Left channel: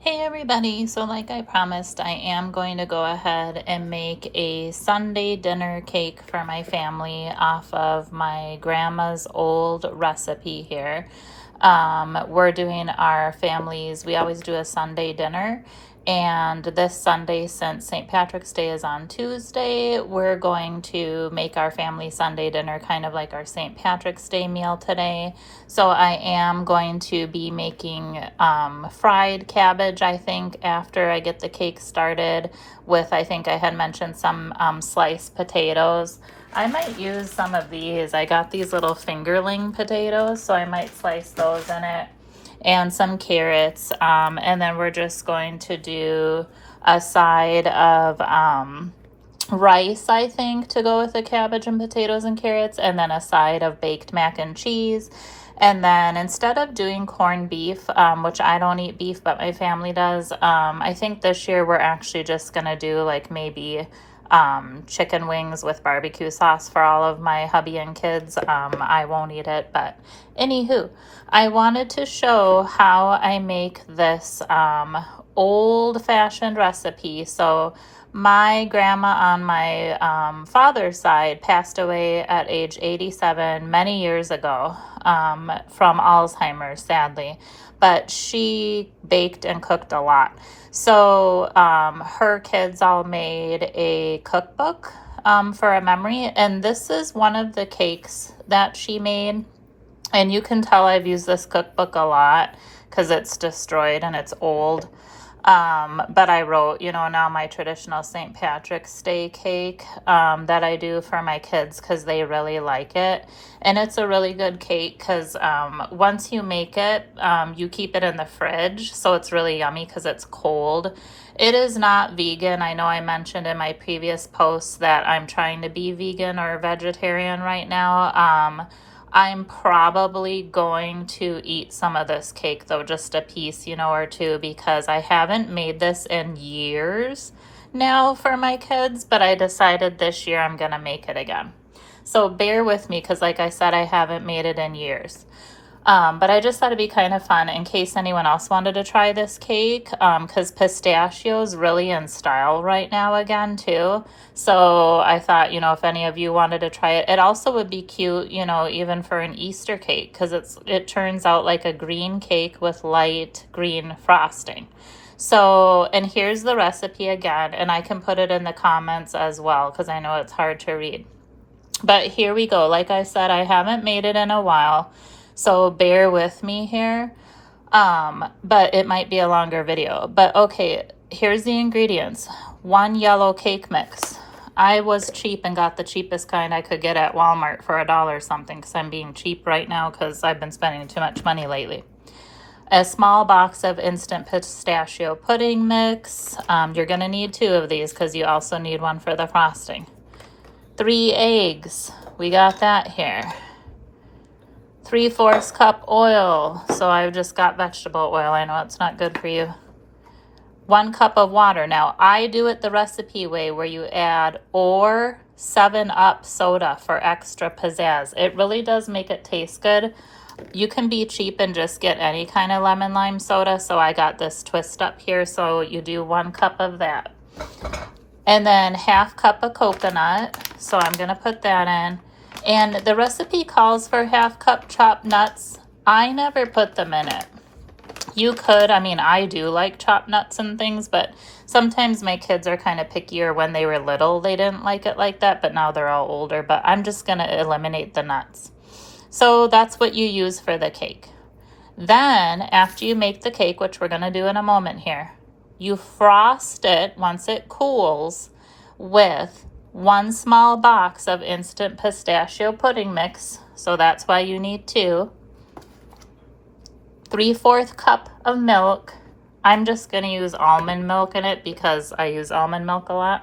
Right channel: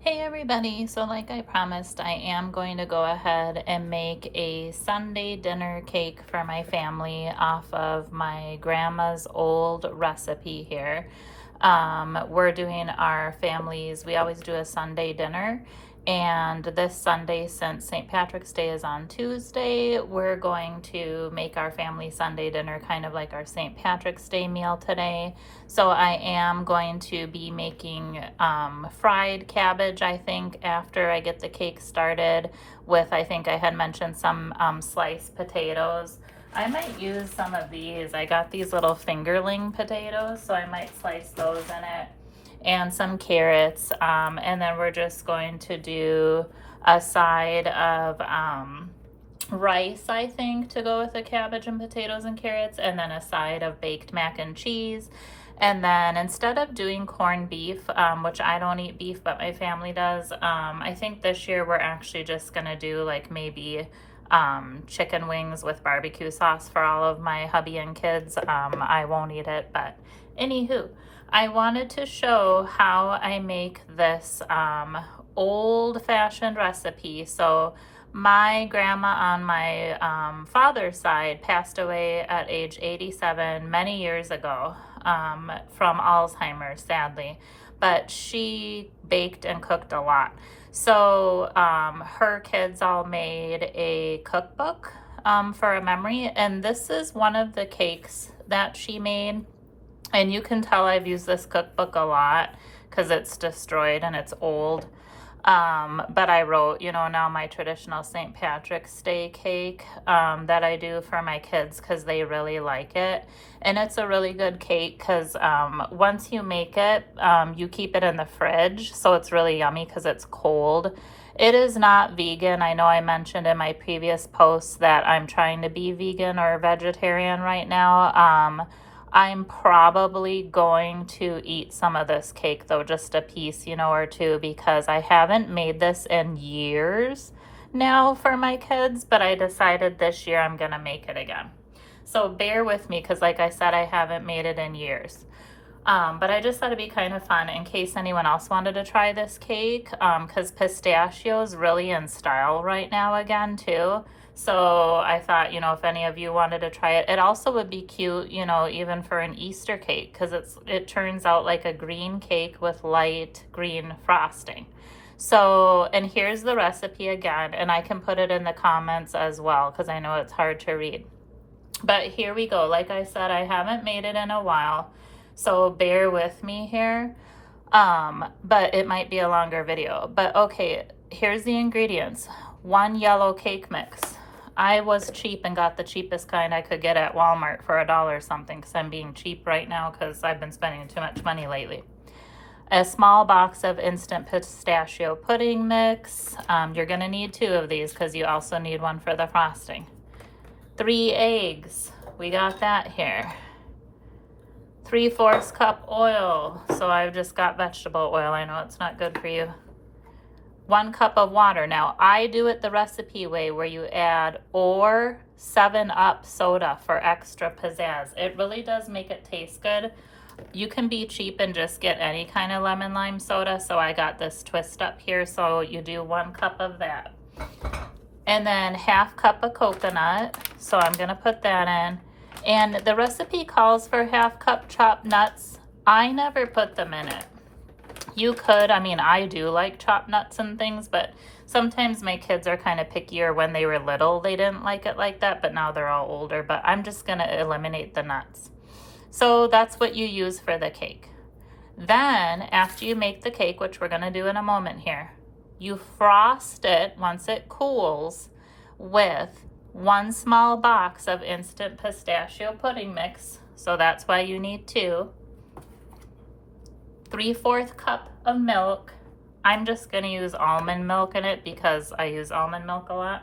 Hey everybody, so like I promised, I am going to go ahead and make a Sunday dinner cake for my family off of my grandma's old recipe here. We're doing our families, we always do a Sunday dinner, and this Sunday, since St. Patrick's Day is on Tuesday, we're going to make our family Sunday dinner kind of like our St. Patrick's Day meal today. So I am going to be making fried cabbage, I think, after I get the cake started with, I think I had mentioned some sliced potatoes. I might use some of these. I got these little fingerling potatoes, so I might slice those in it, and some carrots. And then we're just going to do a side of rice, I think, to go with the cabbage and potatoes and carrots, and then a side of baked mac and cheese. And then instead of doing corned beef, which I don't eat beef, but my family does, I think this year we're actually just gonna do like maybe chicken wings with barbecue sauce for all of my hubby and kids. I won't eat it, but anywho, I wanted to show how I make this old-fashioned recipe. So my grandma on my father's side passed away at age 87 many years ago from Alzheimer's, sadly. But she baked and cooked a lot. So her kids all made a cookbook for a memory. And this is one of the cakes that she made. And you can tell I've used this cookbook a lot because it's destroyed and it's old. But I wrote, now my traditional St. Patrick's Day cake that I do for my kids because they really like it. And it's a really good cake because once you make it, you keep it in the fridge. So it's really yummy because it's cold. It is not vegan. I know I mentioned in my previous posts that I'm trying to be vegan or vegetarian right now. I'm probably going to eat some of this cake though, just a piece, or two, because I haven't made this in years now for my kids, but I decided this year I'm going to make it again. So bear with me because like I said, I haven't made it in years. But I just thought it'd be kind of fun in case anyone else wanted to try this cake, because pistachio is really in style right now again too. So I thought, if any of you wanted to try it, it also would be cute, even for an Easter cake, because it turns out like a green cake with light green frosting. So, and here's the recipe again, and I can put it in the comments as well because I know it's hard to read. But here we go. Like I said, I haven't made it in a while, so bear with me here. But it might be a longer video. But okay, here's the ingredients. 1 yellow cake mix. I was cheap and got the cheapest kind I could get at Walmart for $1 something because I'm being cheap right now because I've been spending too much money lately. A small box of instant pistachio pudding mix. You're going to need 2 of these because you also need one for the frosting. 3 eggs. We got that here. 3/4 cup oil. So I've just got vegetable oil. I know it's not good for you. 1 cup of water. Now I do it the recipe way where you add or 7-Up soda for extra pizzazz. It really does make it taste good. You can be cheap and just get any kind of lemon lime soda. So I got this Twist Up here. So you do 1 cup of that. And then 1/2 cup of coconut. So I'm going to put that in. And the recipe calls for 1/2 cup chopped nuts. I never put them in it. You could, I do like chopped nuts and things, but sometimes my kids are kind of pickier. When they were little, they didn't like it like that, but now they're all older. But I'm just going to eliminate the nuts. So that's what you use for the cake. Then, after you make the cake, which we're going to do in a moment here, you frost it once it cools with 1 small box of instant pistachio pudding mix. So that's why you need 2. 3/4 cup of milk. I'm just going to use almond milk in it because I use almond milk a lot.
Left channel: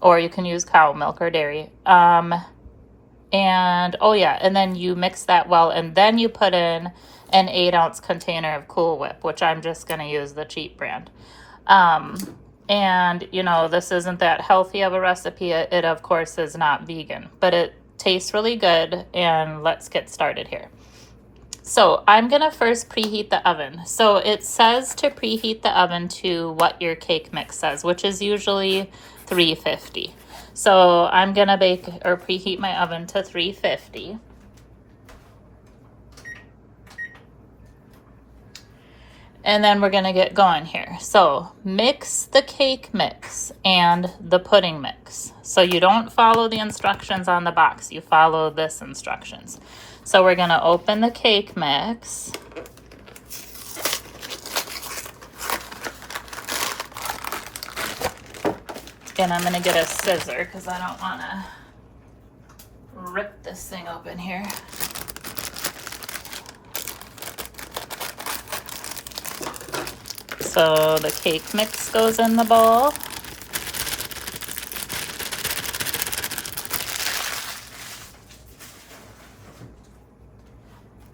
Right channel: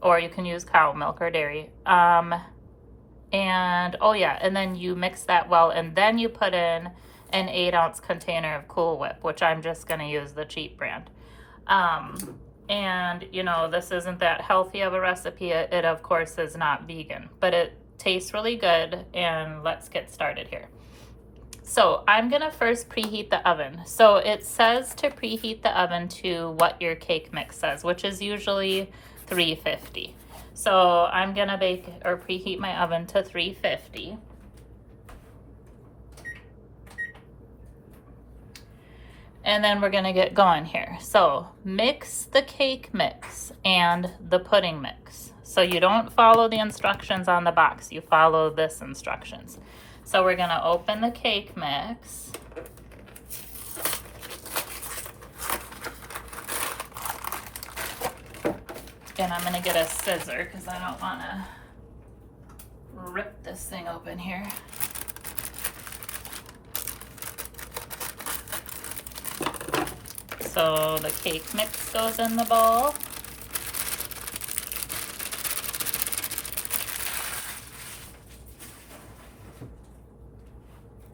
Or you can use cow milk or dairy. And then you mix that well, and then you put in an 8-ounce container of Cool Whip, which I'm just going to use the cheap brand. And this isn't that healthy of a recipe. It of course is not vegan, but it tastes really good. And let's get started here. So I'm gonna first preheat the oven. So it says to preheat the oven to what your cake mix says, which is usually 350. So I'm gonna bake or preheat my oven to 350. And then we're gonna get going here. So mix the cake mix and the pudding mix. So you don't follow the instructions on the box, you follow this instructions. So we're gonna open the cake mix. And I'm gonna get a scissor because I don't wanna rip this thing open here. So the cake mix goes in the bowl.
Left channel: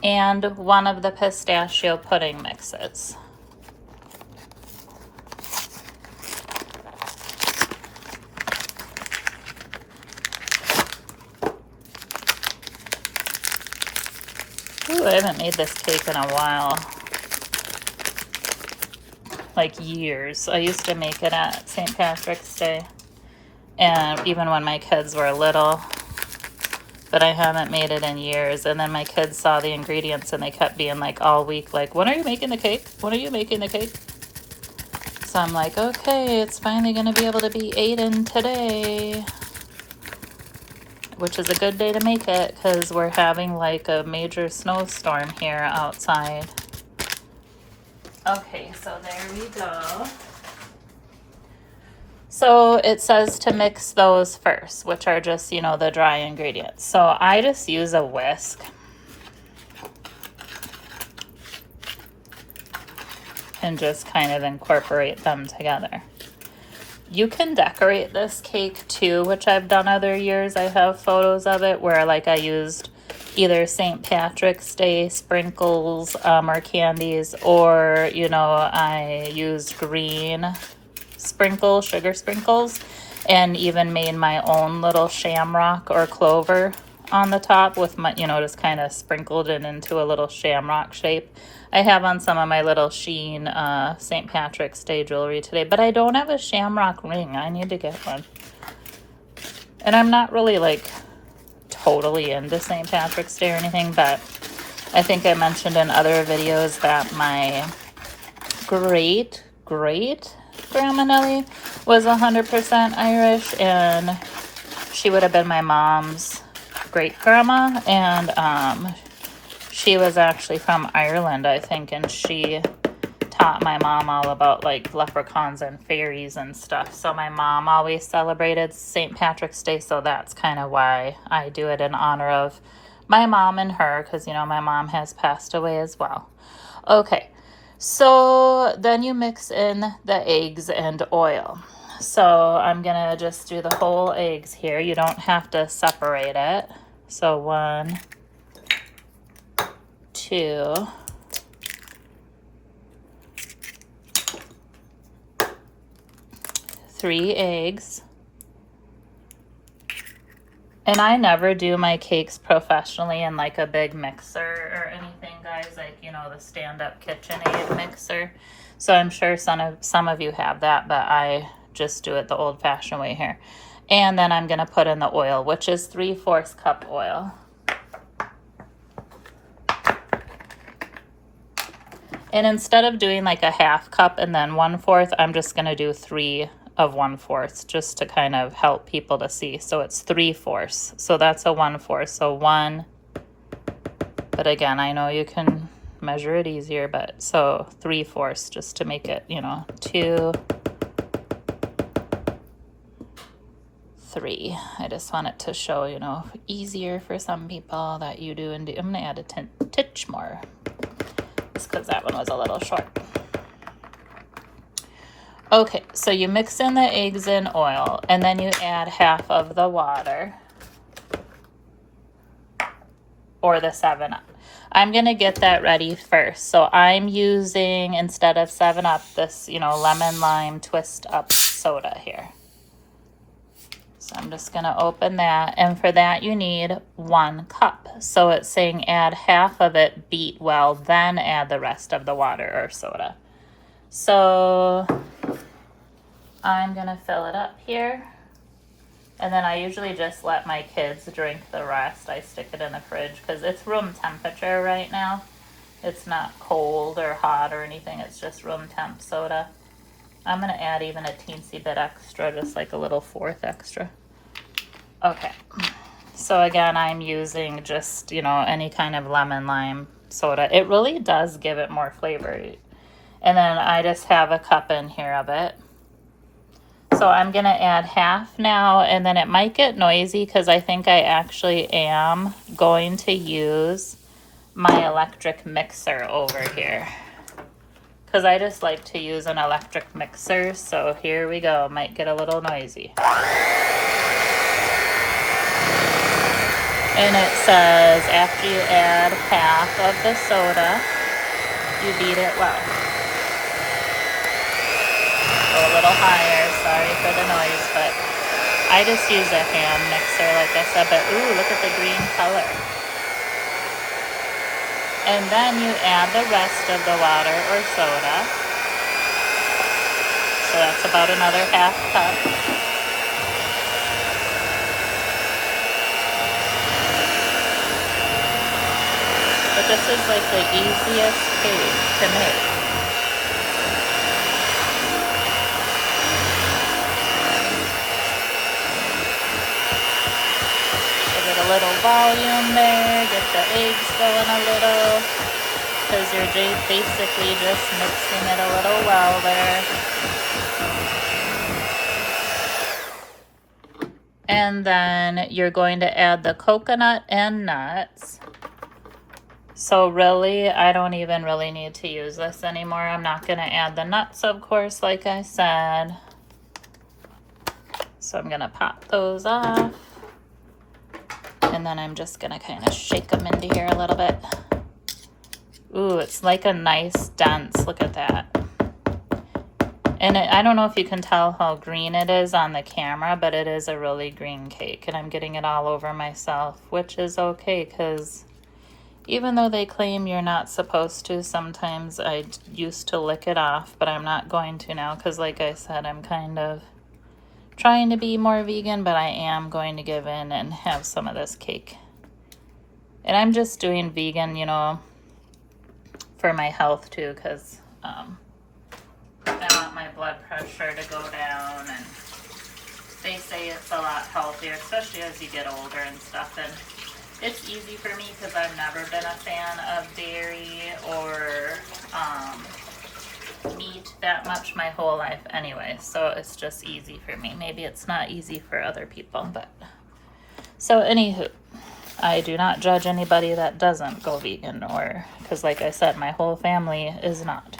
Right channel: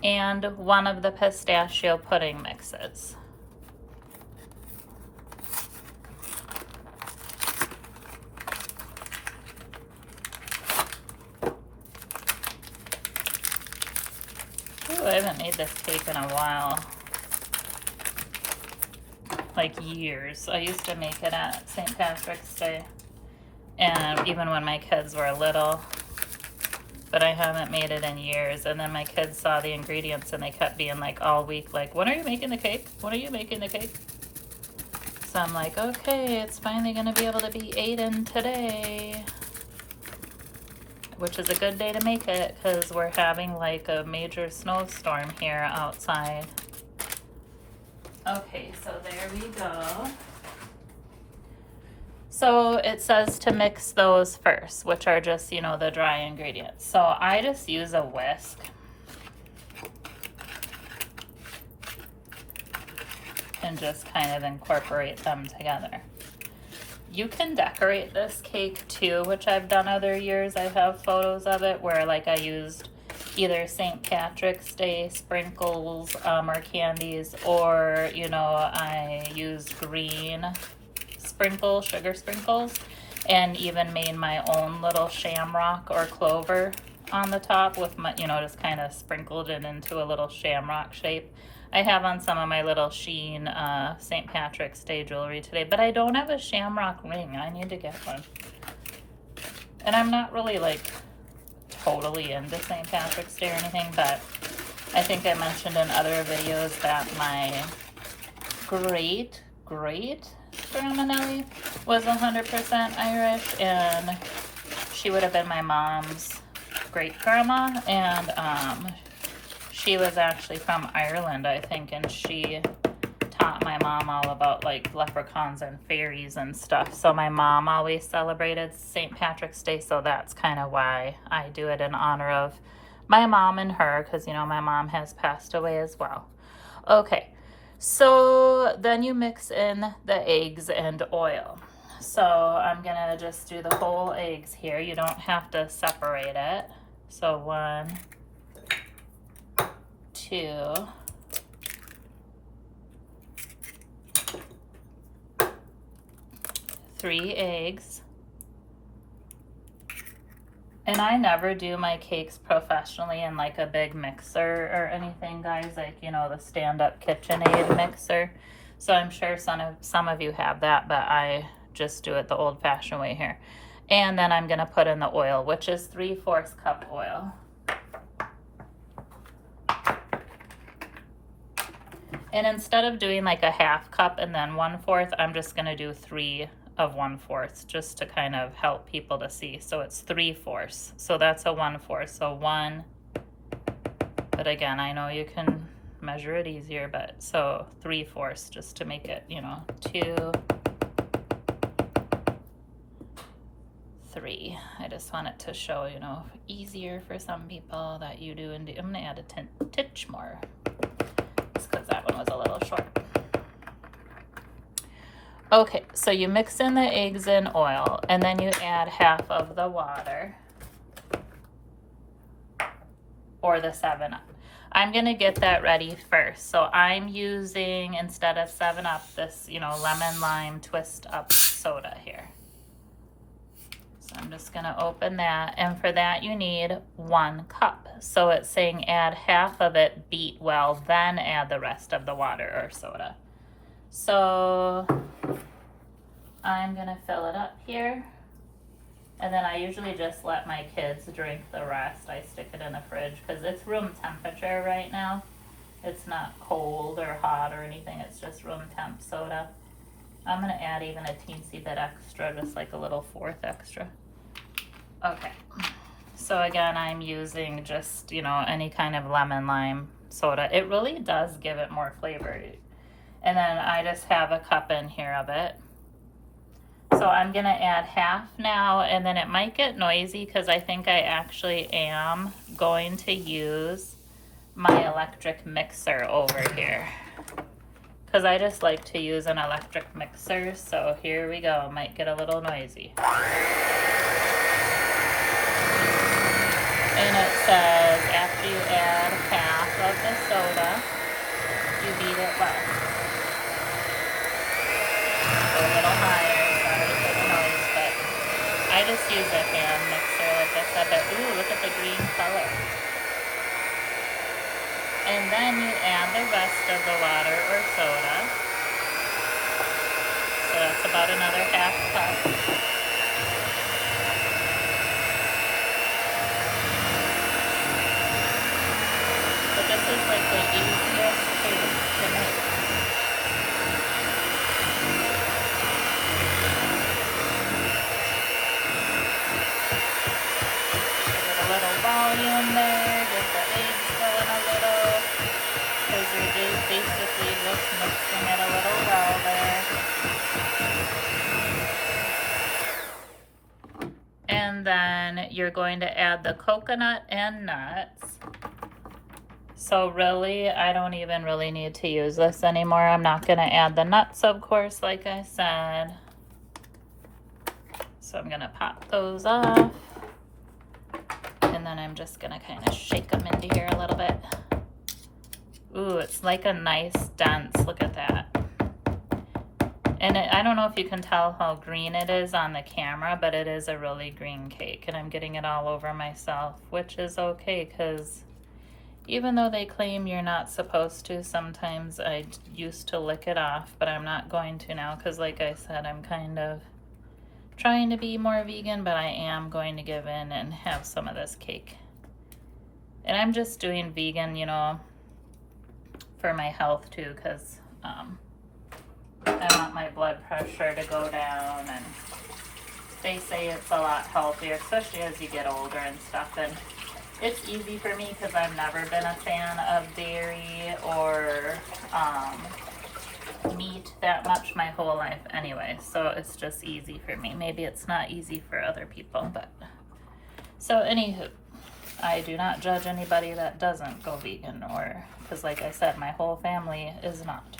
And one of the pistachio pudding mixes. Ooh, I haven't made this cake in a while. Like years. I used to make it at St. Patrick's Day. And even when my kids were little. But I haven't made it in years. And then my kids saw the ingredients and they kept being like all week, like, when are you making the cake? When are you making the cake? So I'm like, okay, it's finally gonna be able to be eaten today. Which is a good day to make it because we're having like a major snowstorm here outside. Okay, so there we go. So it says to mix those first, which are just, you know, the dry ingredients. So I just use a whisk. And just kind of incorporate them together. You can decorate this cake too, which I've done other years. I have photos of it where like I used either St. Patrick's Day sprinkles or candies, or, you know, I used green sprinkles, sugar sprinkles, and even made my own little shamrock or clover on the top with my, you know, just kind of sprinkled it into a little shamrock shape. I have on some of my little Shein St. Patrick's Day jewelry today, but I don't have a shamrock ring. I need to get one. And I'm not really like totally into St. Patrick's Day or anything, but I think I mentioned in other videos that my great Grandma Nellie was 100% Irish, and she would have been my mom's great grandma, and she was actually from Ireland, I think, and she taught my mom all about like leprechauns and fairies and stuff. So my mom always celebrated St. Patrick's Day, so that's kind of why I do it in honor of my mom and her, because, you know, my mom has passed away as well. Okay, so then you mix in the eggs and oil. So I'm gonna just do the whole eggs here. You don't have to separate it. So 1, 2, 3 eggs. And I never do my cakes professionally in like a big mixer or anything, guys, like, you know, the stand-up KitchenAid mixer. So I'm sure some of you have that, but I just do it the old-fashioned way here. And then I'm gonna put in the oil, which is 3/4 cup oil. And instead of doing like a 1/2 cup and then 1/4, I'm just gonna do 3 of 1/4 just to kind of help people to see. So it's 3/4. So that's a 1/4. So 1, but again, I know you can measure it easier, but so 3/4 just to make it, you know, 2, 3. I just want it to show, you know, easier for some people that you do. And do. I'm gonna add a titch more just because that one was a little short. Okay, so you mix in the eggs and oil, and then you add 1/2 of the water, or the 7-Up. I'm gonna get that ready first. So I'm using, instead of 7-Up, this, you know, lemon lime twist up soda here. So I'm just gonna open that, and for that you need 1 cup. So it's saying add half of it, beat well, then add the rest of the water or soda. So I'm gonna fill it up here. And then I usually just let my kids drink the rest. I stick it in the fridge because it's room temperature right now. It's not cold or hot or anything. It's just room temp soda. I'm gonna add even a teensy bit extra, just like a little 1/4 extra. Okay. So again, I'm using just, you know, any kind of lemon lime soda. It really does give it more flavor. And then I just have a cup in here of it. So I'm gonna add half now, and then it might get noisy because I think I actually am going to use my electric mixer over here. Because I just like to use an electric mixer, so here we go. Might get a little noisy. And it says after you add half of the soda, you beat it well. Go a little higher, sorry for the noise, but I just use a hand mixer like I said, but ooh, look at the green color. And then you add the rest of the water or soda. So that's about another half cup. But this is like the easiest cake to make. Little volume there, get the eggs going a little, because you're basically just mixing it a little well there. And then you're going to add the coconut and nuts. So really, I don't even really need to use this anymore. I'm not going to add the nuts, of course, like I said. So I'm going to pop those off. And then I'm just gonna kind of shake them into here a little bit. Ooh, it's like a nice dense, look at that. And I don't know if you can tell how green it is on the camera, but it is a really green cake. And I'm getting it all over myself, which is okay, because even though they claim you're not supposed to, sometimes I used to lick it off, but I'm not going to now, because like I said, I'm kind of trying to be more vegan, but I am going to give in and have some of this cake. And I'm just doing vegan, you know, for my health too, because I want my blood pressure to go down, and they say it's a lot healthier, especially as you get older and stuff. And it's easy for me because I've never been a fan of dairy or meat that much my whole life anyway, so it's just easy for me. Maybe it's not easy for other people, but so anywho, I do not judge anybody that doesn't go vegan, or because like I said, my whole family is not.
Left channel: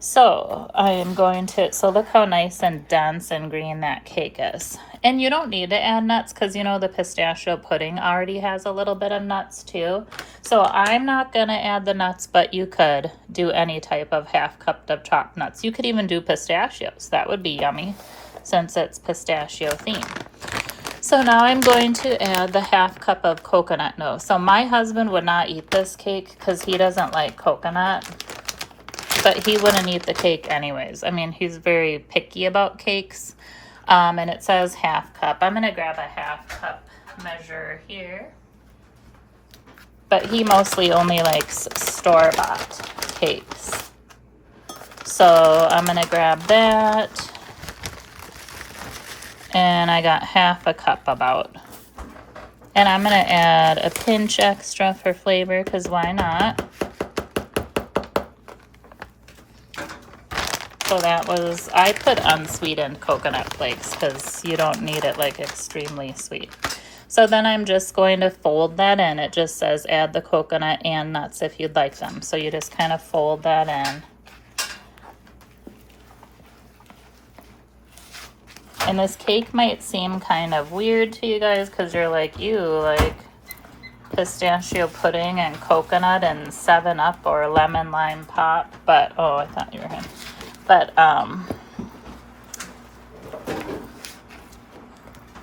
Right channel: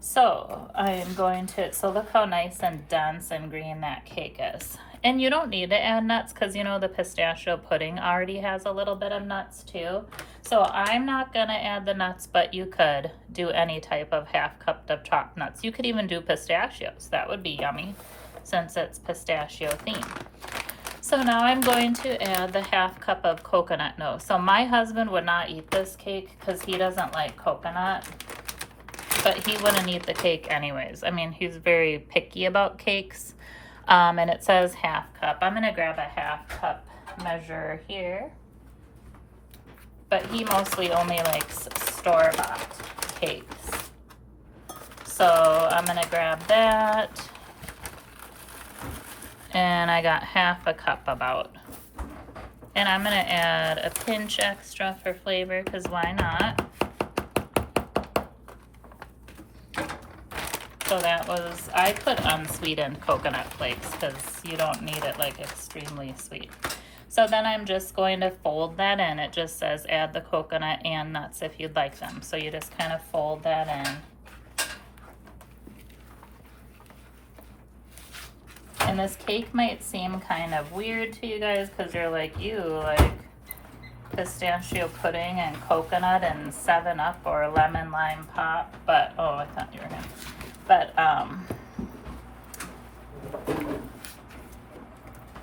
So I am going to, so look how nice and dense and green that cake is. And you don't need to add nuts because you know the pistachio pudding already has a little bit of nuts too. So I'm not going to add the nuts, but you could do any type of half cup of chopped nuts. You could even do pistachios. That would be yummy since it's pistachio themed. So now I'm going to add the half cup of coconut nose. So my husband would not eat this cake because he doesn't like coconut, but he wouldn't eat the cake anyways. I mean, he's very picky about cakes. And it says half cup. I'm gonna grab a half cup measure here. But he mostly only likes store-bought cakes. So I'm gonna grab that. And I got half a cup about. And I'm gonna add a pinch extra for flavor, because why not? So that was, I put unsweetened coconut flakes because you don't need it like extremely sweet. So then I'm just going to fold that in. It just says add the coconut and nuts if you'd like them. So you just kind of fold that in. And this cake might seem kind of weird to you guys because you're like, ew, like pistachio pudding and coconut and 7-Up or lemon lime pop. But, oh, I thought you were him. But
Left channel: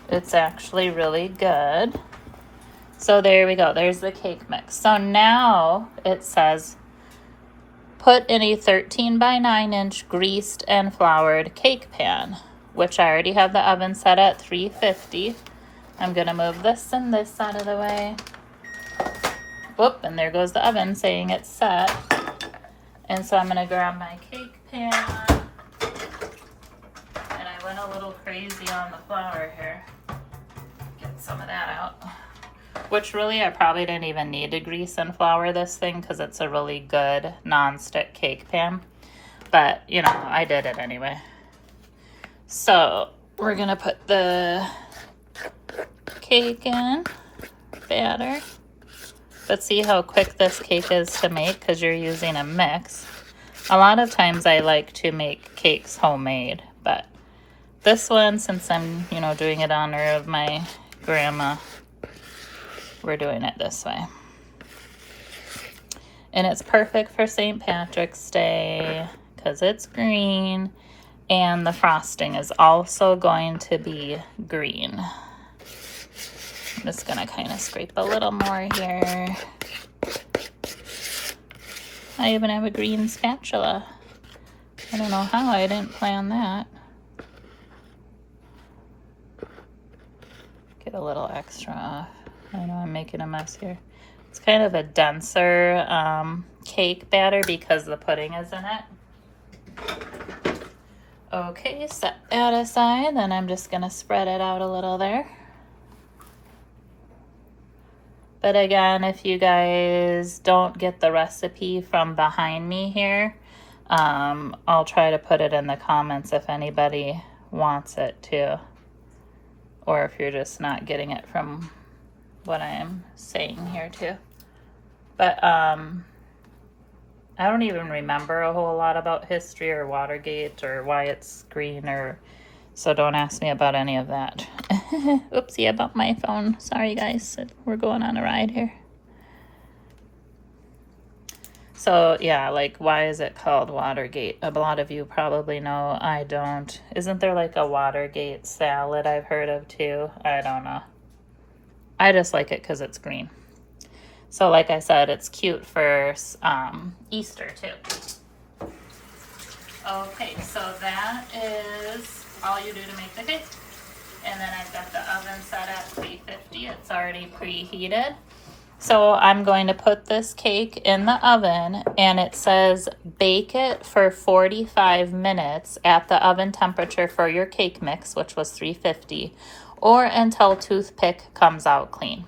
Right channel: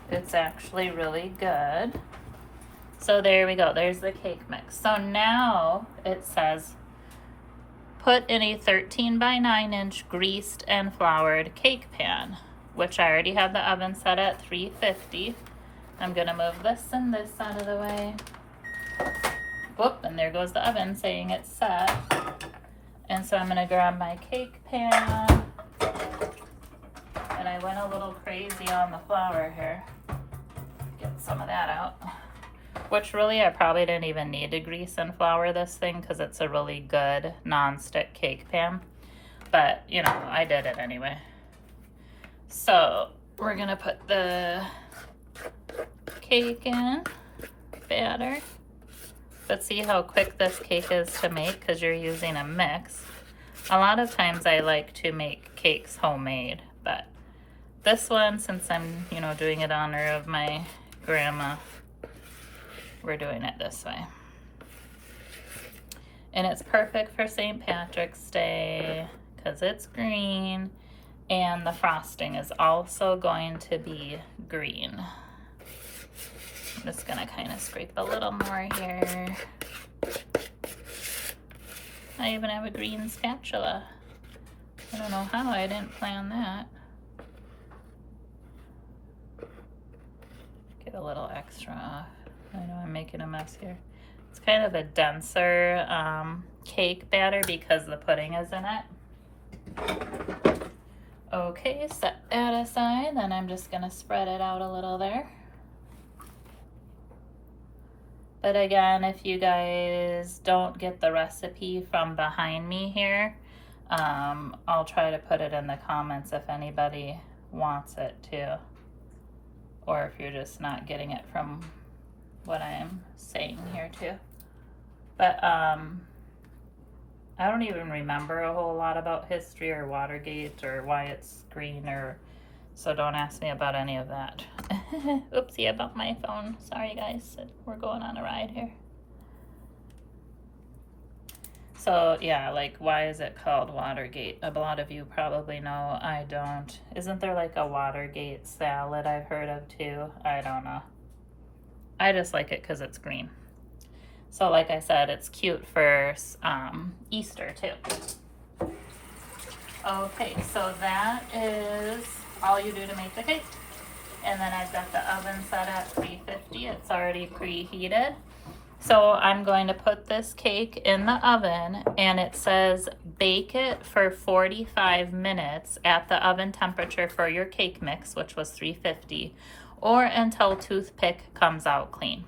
It's actually really good. So there we go. There's the cake mix. So now it says, put in a 13 by 9 inch greased and floured cake pan, which I already have the oven set at 350. I'm going to move this and this out of the way. Whoop, and there goes the oven saying it's set. And so I'm going to grab my cake pan. And I went a little crazy on the flour here. Get some of that out. Which really I probably didn't even need to grease and flour this thing because it's a really good non-stick cake pan. But, you know, I did it anyway. So we're going to put the cake in, batter. But see how quick this cake is to make because you're using a mix. A lot of times I like to make cakes homemade, but this one, since I'm, you know, doing it in honor of my grandma, we're doing it this way. And it's perfect for St. Patrick's Day because it's green and the frosting is also going to be green. I'm just gonna kind of scrape a little more here. I even have a green spatula. I don't know how I didn't plan that. Get a little extra off. I know I'm making a mess here. It's kind of a denser cake batter because the pudding is in it. Okay, set that aside. Then I'm just gonna spread it out a little there. But again, if you guys don't get the recipe from behind me here, I'll try to put it in the comments if anybody wants it too. Or if you're just not getting it from what I'm saying here too. But I don't even remember a whole lot about history or Watergate or why it's green, or so don't ask me about any of that. Oopsie about my phone. Sorry guys, we're going on a ride here. So yeah, like, why is it called Watergate? A lot of you probably know. I don't. Isn't there like a Watergate salad I've heard of too? I don't know. I just like it because it's green. So like I said, it's cute for Easter too. Okay, so that is all you do to make the cake. And then I've got the oven set at 350. It's already preheated. So I'm going to put this cake in the oven, and it says bake it for 45 minutes at the oven temperature for your cake mix, which was 350, or until toothpick comes out clean.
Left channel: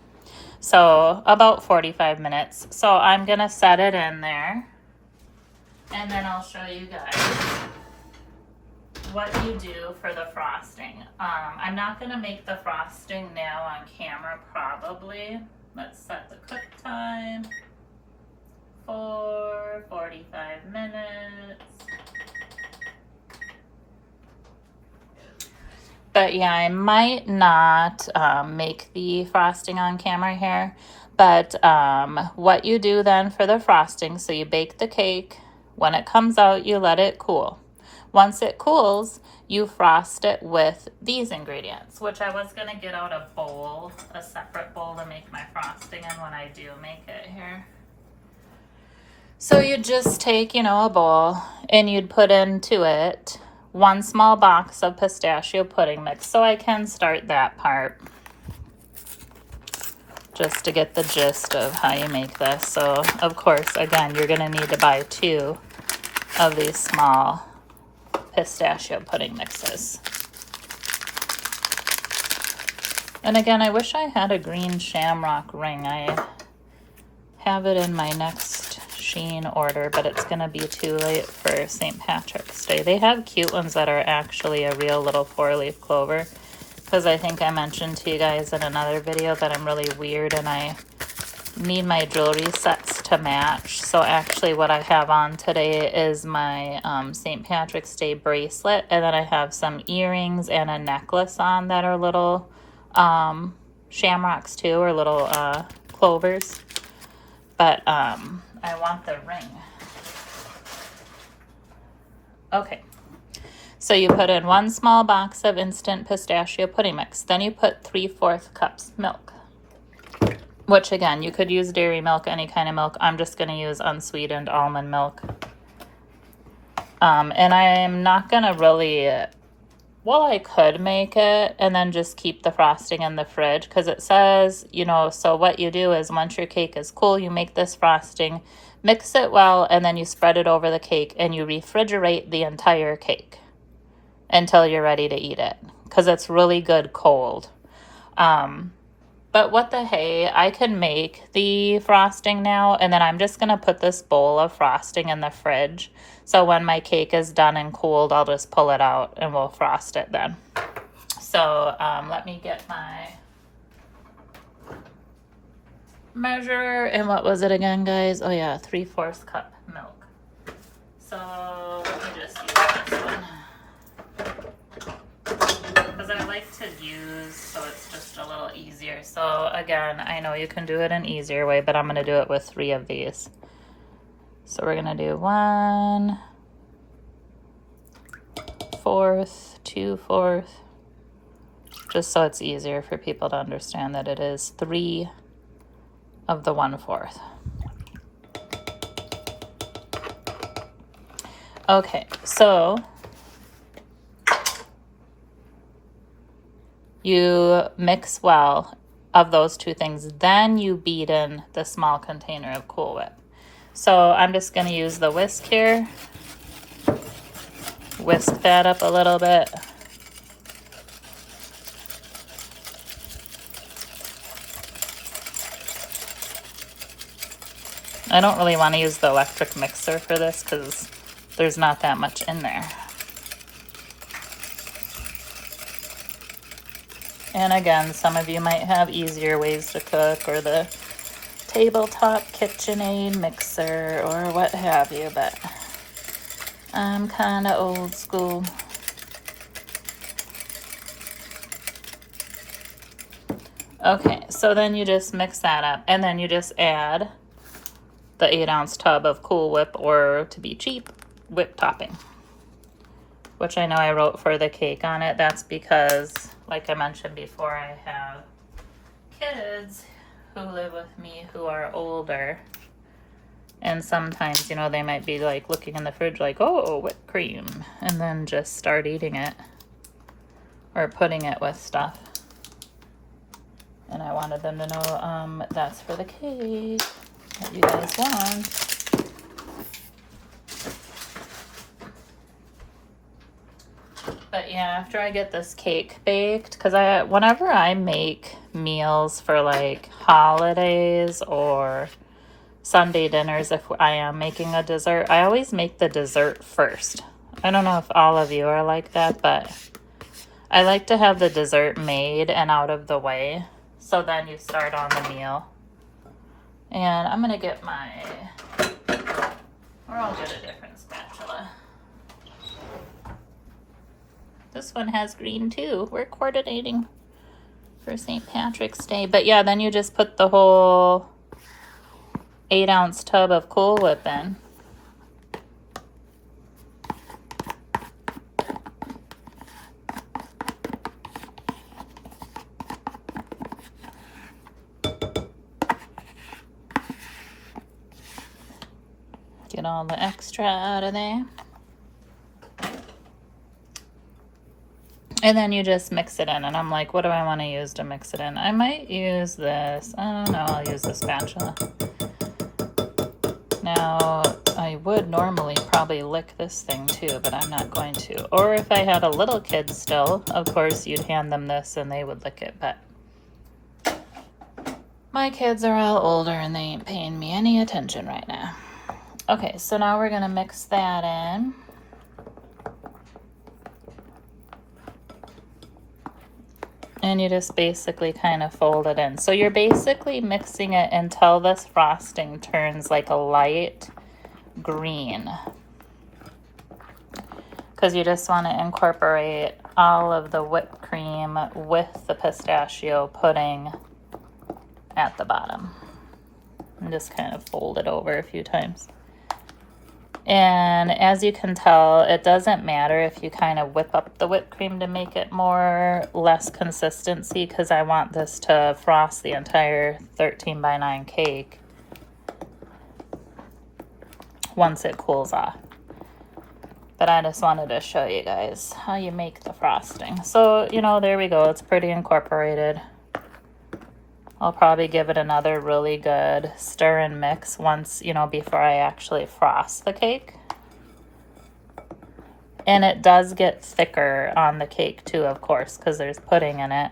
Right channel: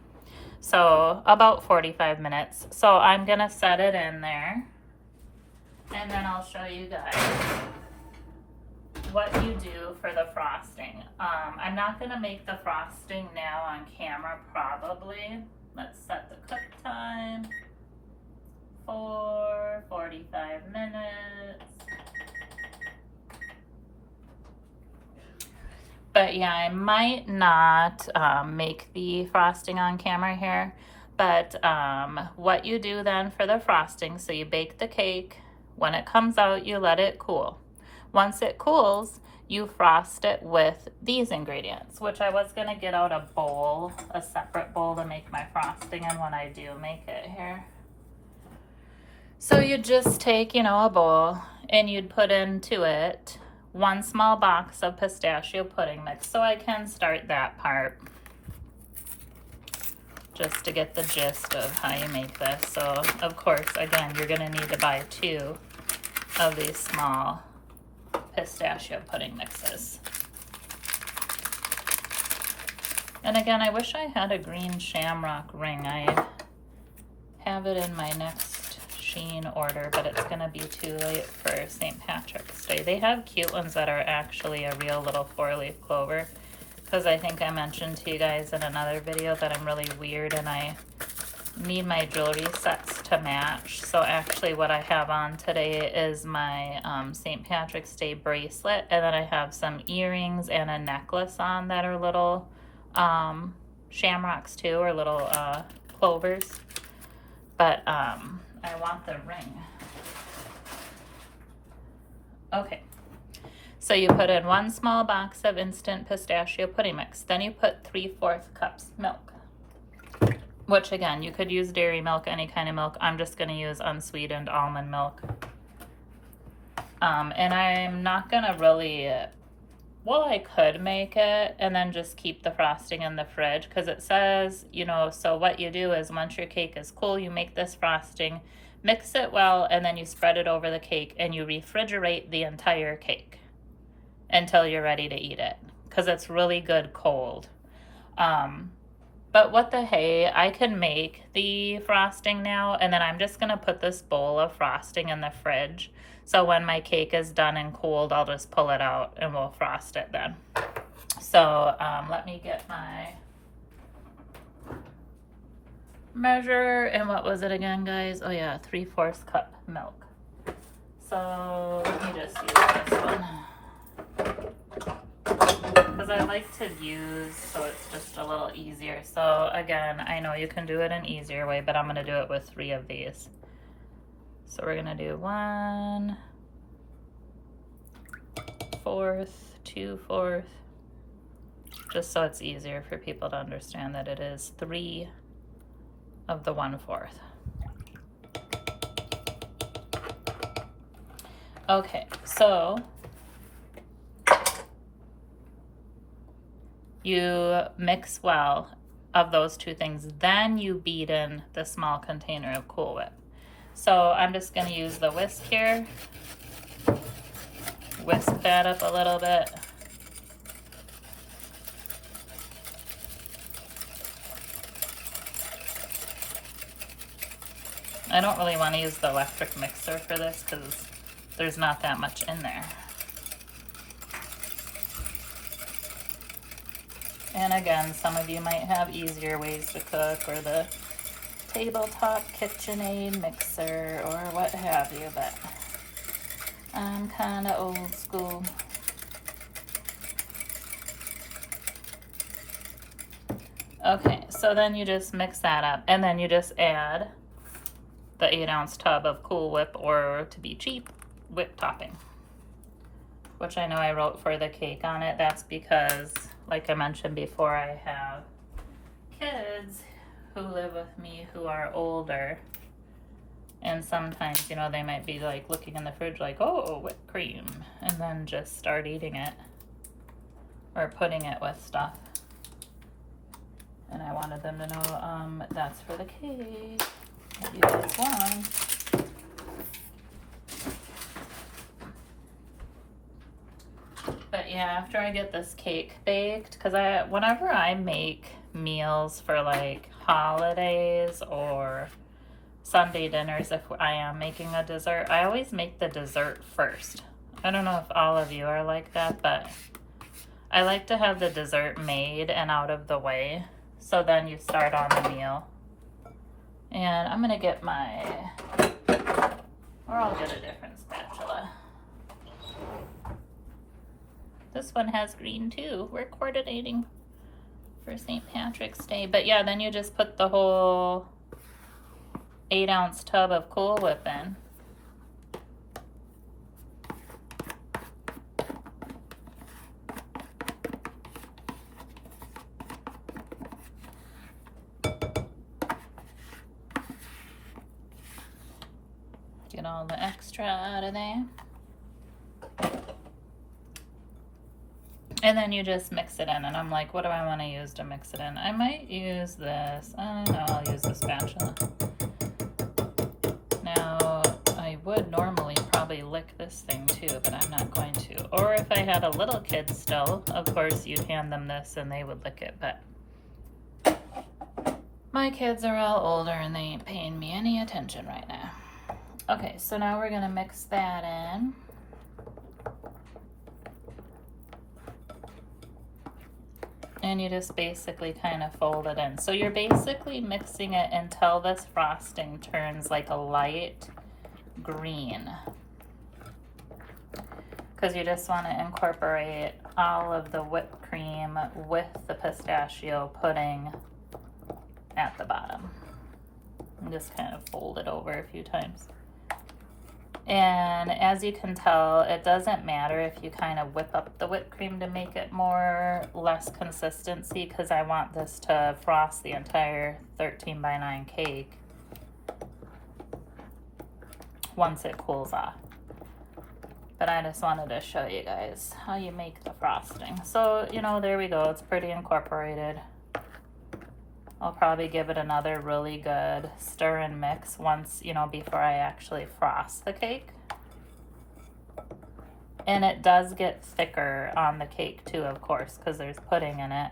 So about 45 minutes. So I'm going to set it in there, and then I'll show you guys what you do for the frosting. I'm not going to make the frosting now on camera probably. Let's set the cook time for 45 minutes. But yeah, I might not make the frosting on camera here. But what you do then for the frosting, so you bake the cake. When it comes out, you let it cool. Once it cools, you frost it with these ingredients, which I was going to get out a bowl, a separate bowl to make my frosting in when I do make it here. So you just take, you know, a bowl, and you'd put into it 1 small box of pistachio pudding mix. So I can start that part just to get the gist of how you make this. So of course, again, you're going to need to buy 2 of these small pistachio pudding mixes. And again, I wish I had a green shamrock ring. I have it in my next Shein order, but it's gonna be too late for St. Patrick's Day. They have cute ones that are actually a real little 4-leaf clover, because I think I mentioned to you guys in another video that I'm really weird and I need my jewelry sets to match. So actually what I have on today is my St. Patrick's Day bracelet, and then I have some earrings and a necklace on that are little shamrocks too, or little clovers. But I want the ring. Okay, So you put in 1 small box of instant pistachio pudding mix. Then you put 3/4 cups milk, which again, you could use dairy milk, any kind of milk. I'm just going to use unsweetened almond milk. And I am not going to really, well, I could make it and then just keep the frosting in the fridge, because it says, you know, so what you do is once your cake is cool, you make this frosting, mix it well, and then you spread it over the cake and you refrigerate the entire cake until you're ready to eat it, because it's really good cold. But what the hey, I can make the frosting now, and then I'm just going to put this bowl of frosting in the fridge. So when my cake is done and cooled, I'll just pull it out and we'll frost it then. So let me get my measure. And what was it again, guys? Oh yeah, 3/4 cup milk. So let me just use this one, because I like to use, so it's just a little easier. So again, I know you can do it an easier way, but I'm going to do it with 3 of these. So we're going to do 1/4, 2/4, just so it's easier for people to understand that it is 3 of the 1/4. Okay, so you mix well of those 2 things, then you beat in the small container of Cool Whip. So I'm just going to use the whisk here, whisk that up a little bit. I don't really want to use the electric mixer for this because there's not that much in there. And again, some of you might have easier ways to cook, or the tabletop KitchenAid mixer or what have you, but I'm kind of old school. Okay, so then you just mix that up, and then you just add the 8-ounce tub of Cool Whip, or to be cheap, whip topping, which I know I wrote for the cake on it. That's because, like I mentioned before, I have kids who live with me who are older, and sometimes, you know, they might be like looking in the fridge like, oh, whipped cream, and then just start eating it or putting it with stuff. And I wanted them to know that's for the cake that you guys want. But yeah, after I get this cake baked, because whenever I make meals for like holidays or Sunday dinners, if I am making a dessert, I always make the dessert first. I don't know if all of you are like that, but I like to have the dessert made and out of the way, so then you start on the meal. And I'm gonna get my, or I'll get a different spatula. This one has green too. We're coordinating for St. Patrick's Day. But yeah, then you just put the whole 8-ounce tub of Cool Whip in. Get all the extra out of there. And then you just mix it in. And I'm like, what do I want to use to mix it in? I might use this. I don't know. I'll use the spatula. Now, I would normally probably lick this thing too, but I'm not going to. Or if I had a little kid still, of course, you'd hand them this and they would lick it. But my kids are all older and they ain't paying me any attention right now. Okay, so now we're going to mix that in. And you just basically kind of fold it in. So you're basically mixing it until this frosting turns like a light green, because you just want to incorporate all of the whipped cream with the pistachio pudding at the bottom. And just kind of fold it over a few times. And as you can tell, it doesn't matter if you kind of whip up the whipped cream to make it less consistency, because I want this to frost the entire 13 by 9 cake once it cools off. But I just wanted to show you guys how you make the frosting. So, you know, there we go. It's pretty incorporated. I'll probably give it another really good stir and mix once, you know, before I actually frost the cake. And it does get thicker on the cake too, of course, because there's pudding in it.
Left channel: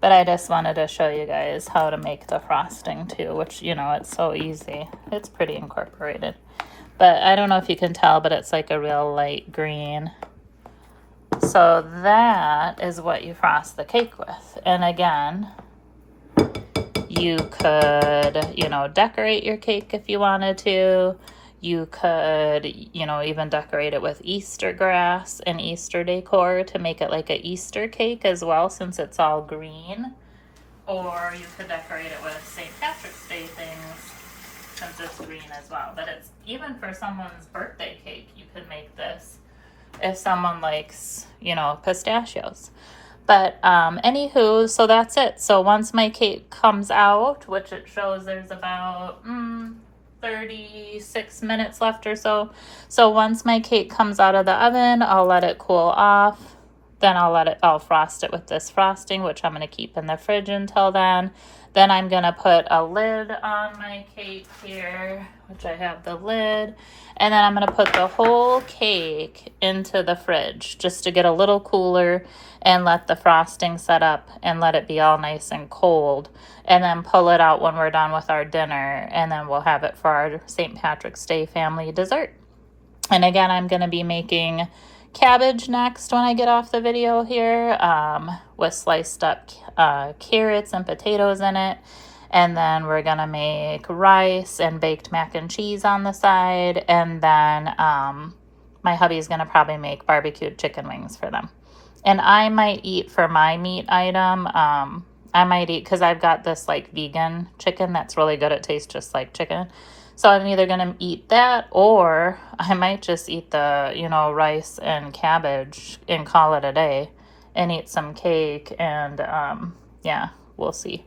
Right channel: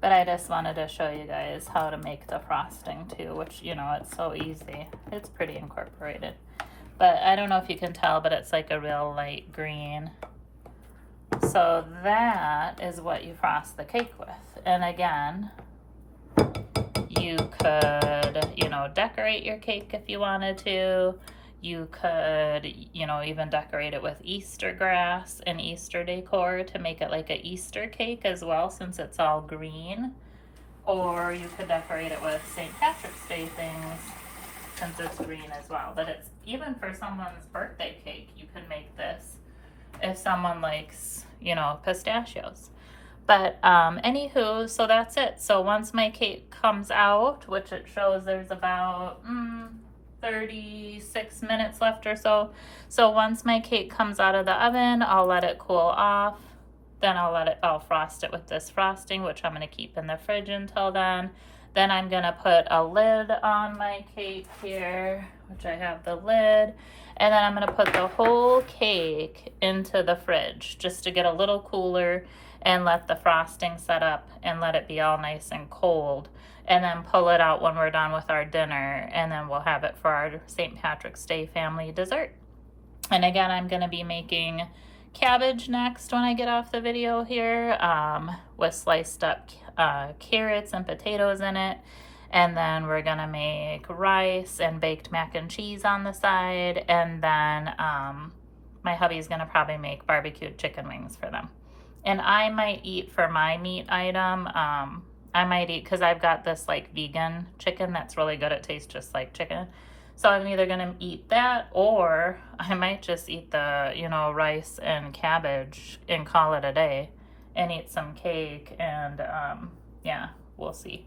But I just wanted to show you guys how to make the frosting too, which, you know, it's so easy. It's pretty incorporated. But I don't know if you can tell, but it's like a real light green. So that is what you frost the cake with. And again, you could, you know, decorate your cake if you wanted to. You could, you know, even decorate it with Easter grass and Easter decor to make it like an Easter cake as well, since it's all green. Or you could decorate it with St. Patrick's Day things, since it's green as well. But it's even for someone's birthday cake, you could make this if someone likes, you know, pistachios. But anywho, so that's it. So once my cake comes out, which it shows there's about 36 minutes left or so. So once my cake comes out of the oven, I'll let it cool off. Then I'll frost it with this frosting, which I'm going to keep in the fridge until then. Then I'm going to put a lid on my cake here, which I have the lid. And then I'm going to put the whole cake into the fridge just to get a little cooler and let the frosting set up and let it be all nice and cold. And then pull it out when we're done with our dinner. And then we'll have it for our St. Patrick's Day family dessert. And again, I'm going to be making cabbage next when I get off the video here, with sliced up carrots and potatoes in it. And then we're gonna make rice and baked mac and cheese on the side. And then my hubby's gonna probably make barbecued chicken wings for them. And I might eat for my meat item, I might eat, because I've got this like vegan chicken that's really good. It tastes just like chicken. So I'm either going to eat that, or I might just eat the, you know, rice and cabbage and call it a day and eat some cake. And yeah, we'll see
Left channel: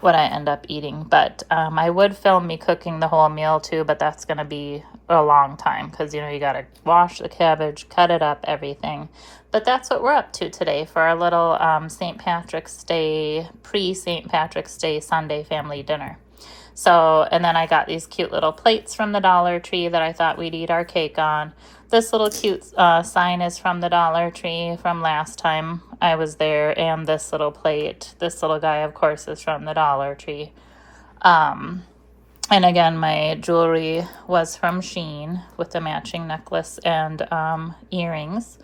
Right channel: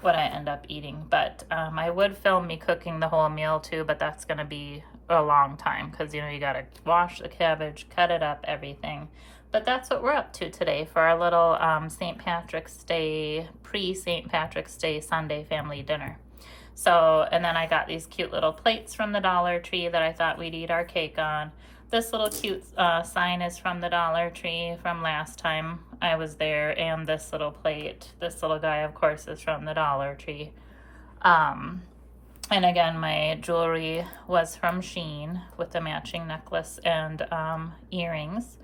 what I end up eating. But I would film me cooking the whole meal too, but that's going to be a long time because, you know, you got to wash the cabbage, cut it up, everything. But that's what we're up to today for our little St. Patrick's Day, pre-St. Patrick's Day Sunday family dinner. So, and then I got these cute little plates from the Dollar Tree that I thought we'd eat our cake on. This little cute sign is from the Dollar Tree from last time I was there. And this little plate, this little guy, of course, is from the Dollar Tree. And again, my jewelry was from Shein with the matching necklace and earrings.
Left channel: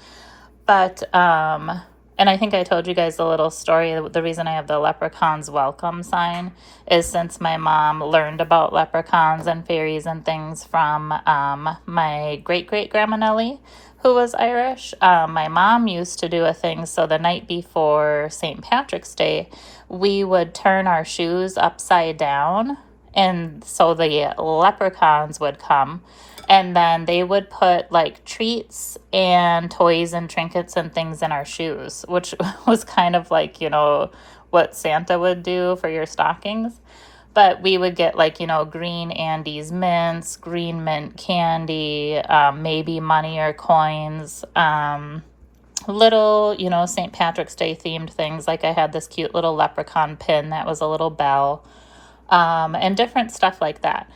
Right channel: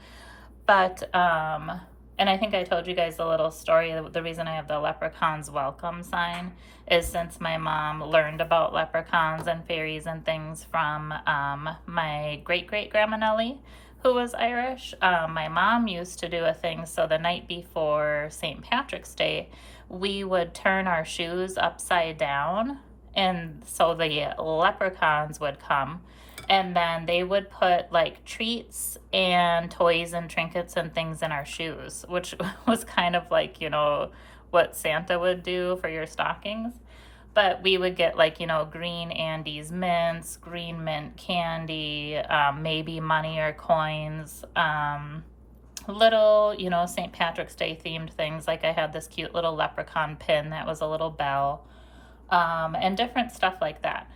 But, and I think I told you guys a little story. The reason I have the leprechauns welcome sign is since my mom learned about leprechauns and fairies and things from my great-great-grandma Nellie, who was Irish. My mom used to do a thing. So the night before St. Patrick's Day, we would turn our shoes upside down. And so the leprechauns would come. And then they would put like treats and toys and trinkets and things in our shoes, which was kind of like, you know, what Santa would do for your stockings. But we would get like, you know, green Andes mints, green mint candy, maybe money or coins, little, you know, St. Patrick's Day themed things. Like I had this cute little leprechaun pin that was a little bell, and different stuff like that.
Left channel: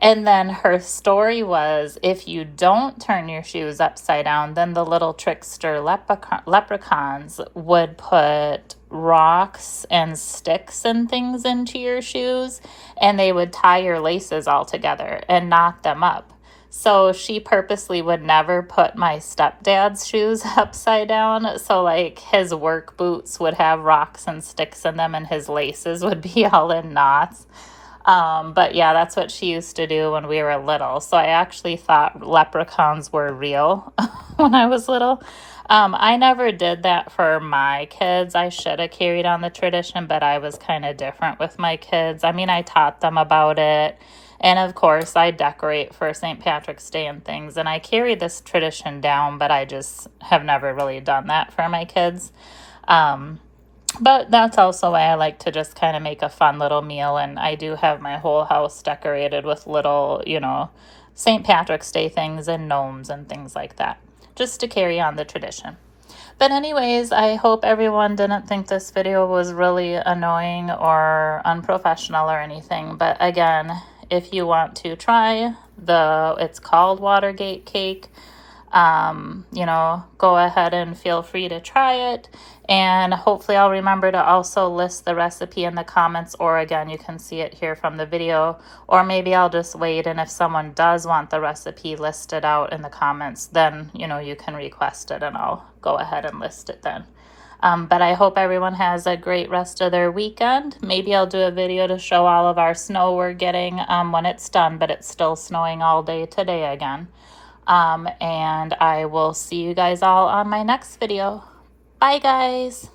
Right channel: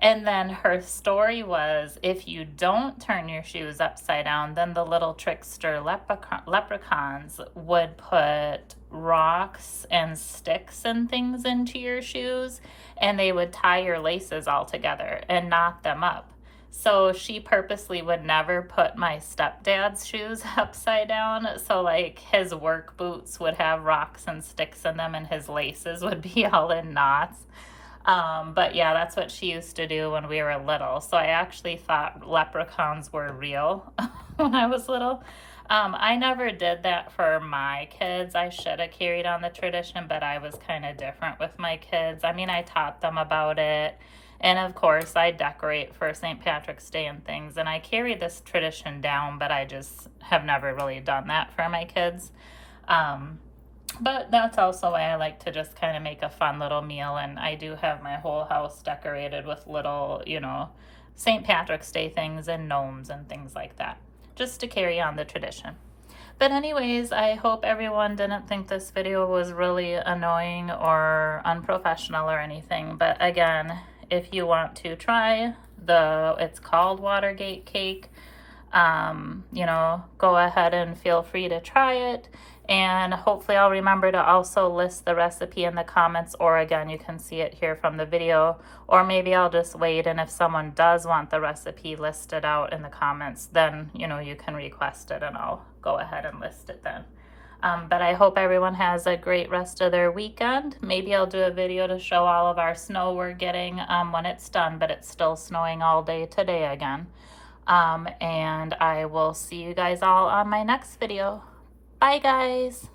And then her story was, if you don't turn your shoes upside down, then the little trickster leprechauns would put rocks and sticks and things into your shoes, and they would tie your laces all together and knot them up. So she purposely would never put my stepdad's shoes upside down. So like his work boots would have rocks and sticks in them, and his laces would be all in knots. But yeah, that's what she used to do when we were little. So I actually thought leprechauns were real when I was little. I never did that for my kids. I should have carried on the tradition, but I was kind of different with my kids. I mean, I taught them about it. And of course, I decorate for St. Patrick's Day and things. And I carry this tradition down, but I just have never really done that for my kids. Um, but that's also why I like to just kind of make a fun little meal. And I do have my whole house decorated with little, St. Patrick's Day things and gnomes and things like that, just to carry on the tradition. But anyways, I hope everyone didn't think this video was really annoying or unprofessional or anything. But again, if you want to try it's called Watergate cake, go ahead and feel free to try it. And hopefully I'll remember to also list the recipe in the comments, or again, you can see it here from the video, or maybe I'll just wait, and if someone does want the recipe listed out in the comments, then, you can request it and I'll go ahead and list it then. But I hope everyone has a great rest of their weekend. Maybe I'll do a video to show all of our snow we're getting when it's done, but it's still snowing all day today again. And I will see you guys all on my next video. Bye, guys.